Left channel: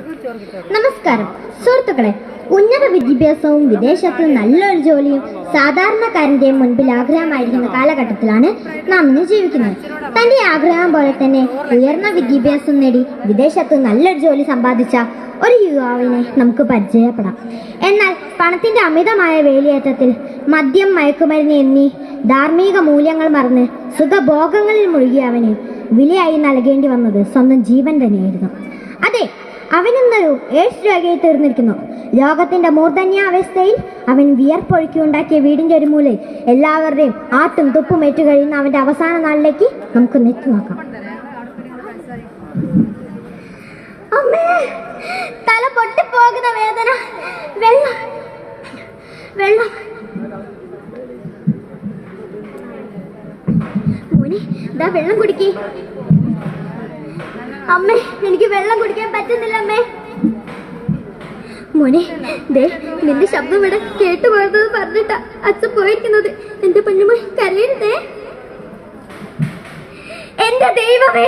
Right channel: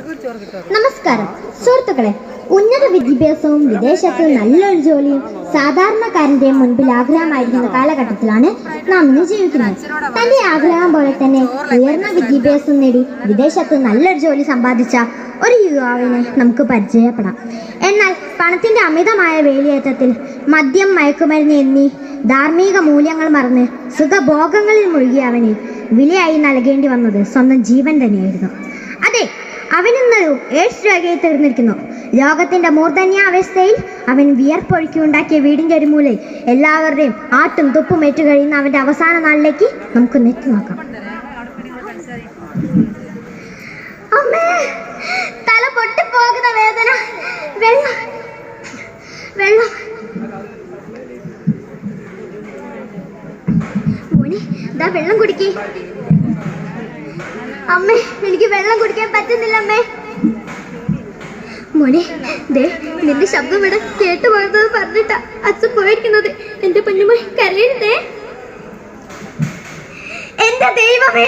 നമസ്കാരം സുഹൃത്തുക്കളെ, ഉന്നത വിദ്യാഭ്യാസവും വിദേശത്തിൽ നല്ലൊരു ജോലിയും സാധാരണക്കാരന്റെ മുൻപിൽ ആഗ്രഹമായിരിക്കുന്ന കാലഘട്ടത്തിലാണ് നാം ഇന്ന് ജീവിക്കുന്നത്. തന്റെ ആഗ്രഹം പോലെ തന്നെ ഉയർന്ന വിദ്യാഭ്യാസം നേടി വിദേശത്ത് നല്ലൊരു ജോലി സമ്പാദിച്ച ഒരു യുവാവിനെ നമുക്ക് പരിചയപ്പെടാം. എന്നാൽ പണത്തിന്റെ അമിതമായ വേലിയേറ്റത്തിൽ മദ്യം, മയക്കുമരുന്ന് എന്നീ ധാർമ്മിക മൂല്യങ്ങൾ മറന്ന് സുഖഭോഗങ്ങളിൽ മുഴുകിയ അവന് വിലയായി നൽകേണ്ടി വന്നത് സ്വന്തം ജീവൻ തന്നെയായിരുന്നു. അതെ, അവനിന്നൊരു എയ്ഡ്സ് രോഗിയായി തീർന്നിരിക്കുന്നു. ലോകത്തിന്റെ മൂർധന്യാവസ്ഥയിൽ അവൻ വിയർപ്പൊഴുക്കിയുണ്ടാക്കിയ വീടിന്റെ ഒരു മൂലയിൽ എല്ലാവരുടെയും ആട്ടും തുപ്പും ഏറ്റു കഴിയുന്ന അവന്റെ അവസാന നാളിലേക്ക് നമുക്ക് നെറ്റി നോക്കാം. അമ്മേ, തല പൊട്ടിപ്പോകുന്ന വേദന. വെള്ളം വെള്ളം മോനെ, ദാ വെള്ളം കുടിക്കേ. അമ്മേ, എനിക്ക് വെള്ളം കുടിക്കാൻ പറ്റുന്നില്ല അമ്മേ. മോനെ, ദേ നിന്റെ ശബ്ദം ഇവിടെ കേട്ടുപോയത് പറഞ്ഞിട്ടാ അച്ഛൻ പോയിരിക്കുന്നത്. എന്റെ പൊന്നുമോൻ കരയരുതേ. എന്റെ ദൈവമേ,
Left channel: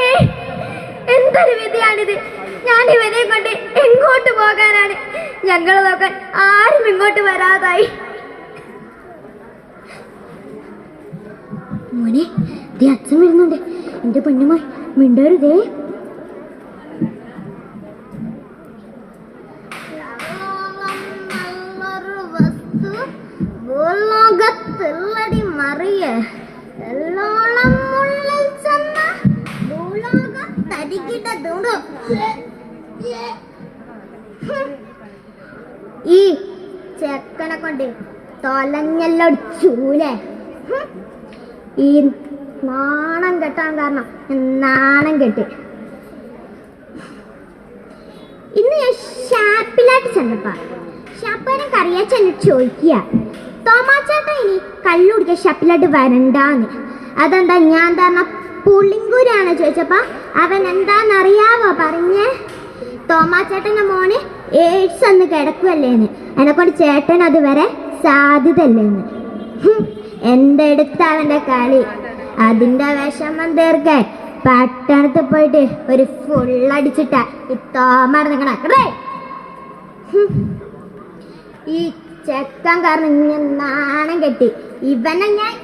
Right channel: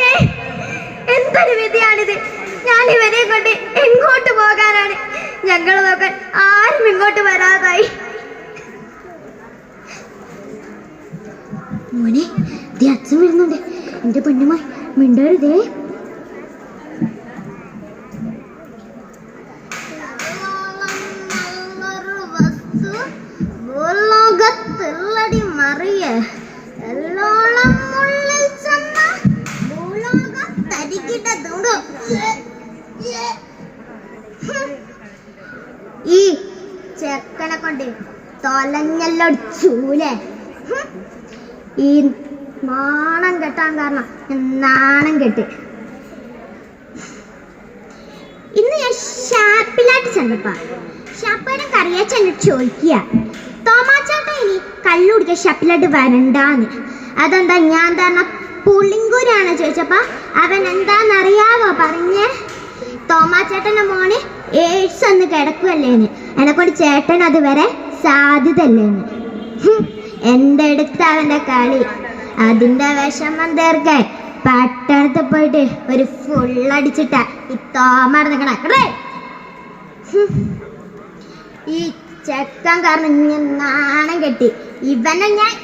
എന്തൊരു വിധിയാണിത്. ഞാൻ ഇവരെ കൊണ്ട് എങ്ങോട്ട് പോകാനാണ്? ഞങ്ങളെ നോക്കാൻ ആരും ഇങ്ങോട്ട് വരാതായി. മോനെ, ദേ അച്ഛൻ വരുന്നുണ്ട്. എന്റെ പൊന്നുമോൻ മിണ്ടരുതേ. ഈ ചെക്കനെ കൊണ്ട് തൊലഞ്ഞല്ലോ ചൂലേ. ഈ നാണം കെട്ടാൻ കാരണം നാണം കെട്ട്. ഇന്ന് ഞാൻ ഷാപ്പിലായിട്ട് ചെന്നപ്പോ ഷാപ്പിനെ കറിയാച്ച എന്നോട് ചോദിക്കുക, തോമാച്ചേട്ടൻ ഇനി കള്ളു കുടിക്കാൻ ഷാപ്പിലായിട്ട് വരണ്ടാന്ന്. അതെന്താ ഞാൻ തന്നെ പുളിങ്കൂരാണ് ചോദിച്ചപ്പോ അവൻ എന്താന്നറിയാവോ പറഞ്ഞേ? തോമാച്ചേട്ടന്റെ മോന് എയ്ഡ്സ് ഒന്ന് കിടക്കുവല്ലേന്ന്, എന്നെക്കൊണ്ട് ചേട്ടൻ അത് വരെ സാധ്യതല്ലേന്ന്. എന്റെ അടുത്ത് അവന്റെ കളി. അതിന്റെ വിഷമം തീർക്കാൻ പട്ടണത്ത് പോയിട്ട് ഒരു ഫുള്ളടിച്ചിട്ട ഈ തോമ നിക്കണേ. ഈ ചെക്കൻ കാരണം ഞാൻ നാണം കെട്ടി. ഇവനെ ഞാൻ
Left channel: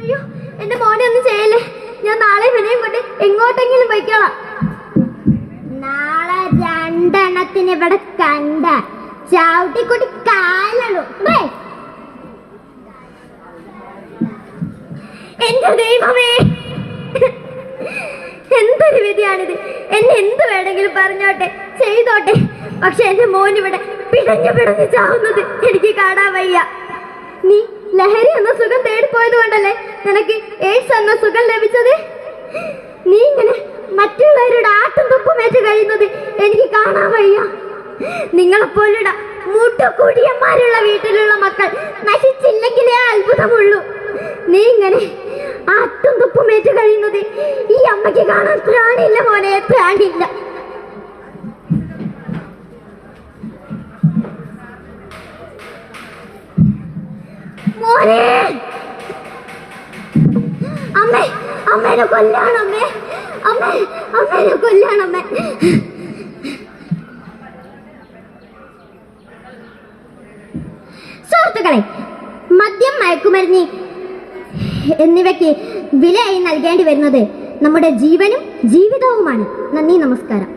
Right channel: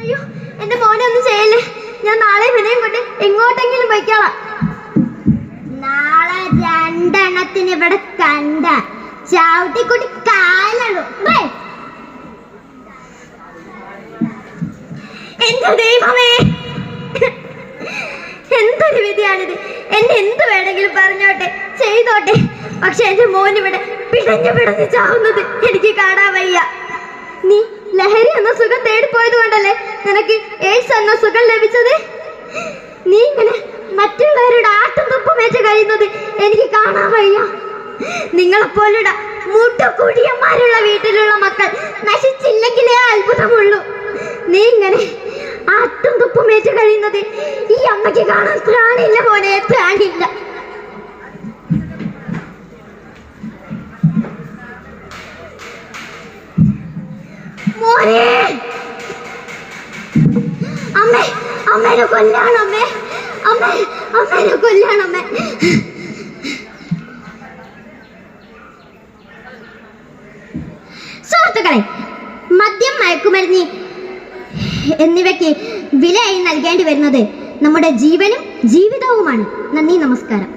അയ്യോ, എന്റെ മോനെ ഒന്നും ചെയ്യല്ലേ. ഞാൻ നാളെ വിനയം കൊണ്ട് എങ്ങോട്ടെങ്കിലും പോയിക്കോളാം. നാളെ രണ്ടെണ്ണത്തിന് ഇവിടെ കണ്ട ചവിട്ടിക്കൂട്ടി കാലുള്ളൂ. എന്റെ ദൈവമേ, എന്തൊരു വിധിയാണിത്. എന്നെ എന്ത് വേണമെങ്കിലും പറഞ്ഞോട്ടെ, ചെയ്തോട്ടെ. പക്ഷെ എന്റെ മോനിവിടെ പിടഞ്ഞു ചാവുന്നത് എനിക്ക് കാണാൻ വയ്യ. നീ ലഹരി എന്ന സുഖം തേടിപ്പോയത് കൊണ്ടല്ലേ നിനക്ക് എയ്ഡ്സ് എന്ന സുഖം ലഭിച്ചത്. നീ ഇങ്ങനെ മറ്റുള്ളവരുടെ ആട്ടും തുപ്പും വെച്ച് കഴിയുന്നത് എനിക്ക് കാണാൻ വയ്യ. നിങ്ങളെപ്പോലുള്ള മൂട്ടക്കൂടിയന്മാരുള്ള വീട്ടിലുള്ള മക്കൾ നശിച്ചില്ലെങ്കിലേ അത്ഭുതമുള്ളൂ. നീ ഇങ്ങനെ ആട്ടും തുപ്പും വെച്ച് കഴിയുന്നത് ഈ അമ്മയ്ക്ക് കാണാൻ ത്രാണില്ല മോനെ, ത്രാണില്ല. മോനെ, അമ്മേ, അമ്മേനെ കൊല്ലാണമ്മേ, അമ്മേ, അമ്മേനെ കൊല്ലാണമ്മേ. സുഹൃത്തുക്കളെ, മദ്യം, മയക്കുമരുന്ന് എന്നിവയ്ക്ക് വിലയായി നൽകേണ്ടി വരുന്നത് നമ്മുടെ ജീവനും ജീവിതവുമാണ്. നന്ദി, നമസ്കാരം.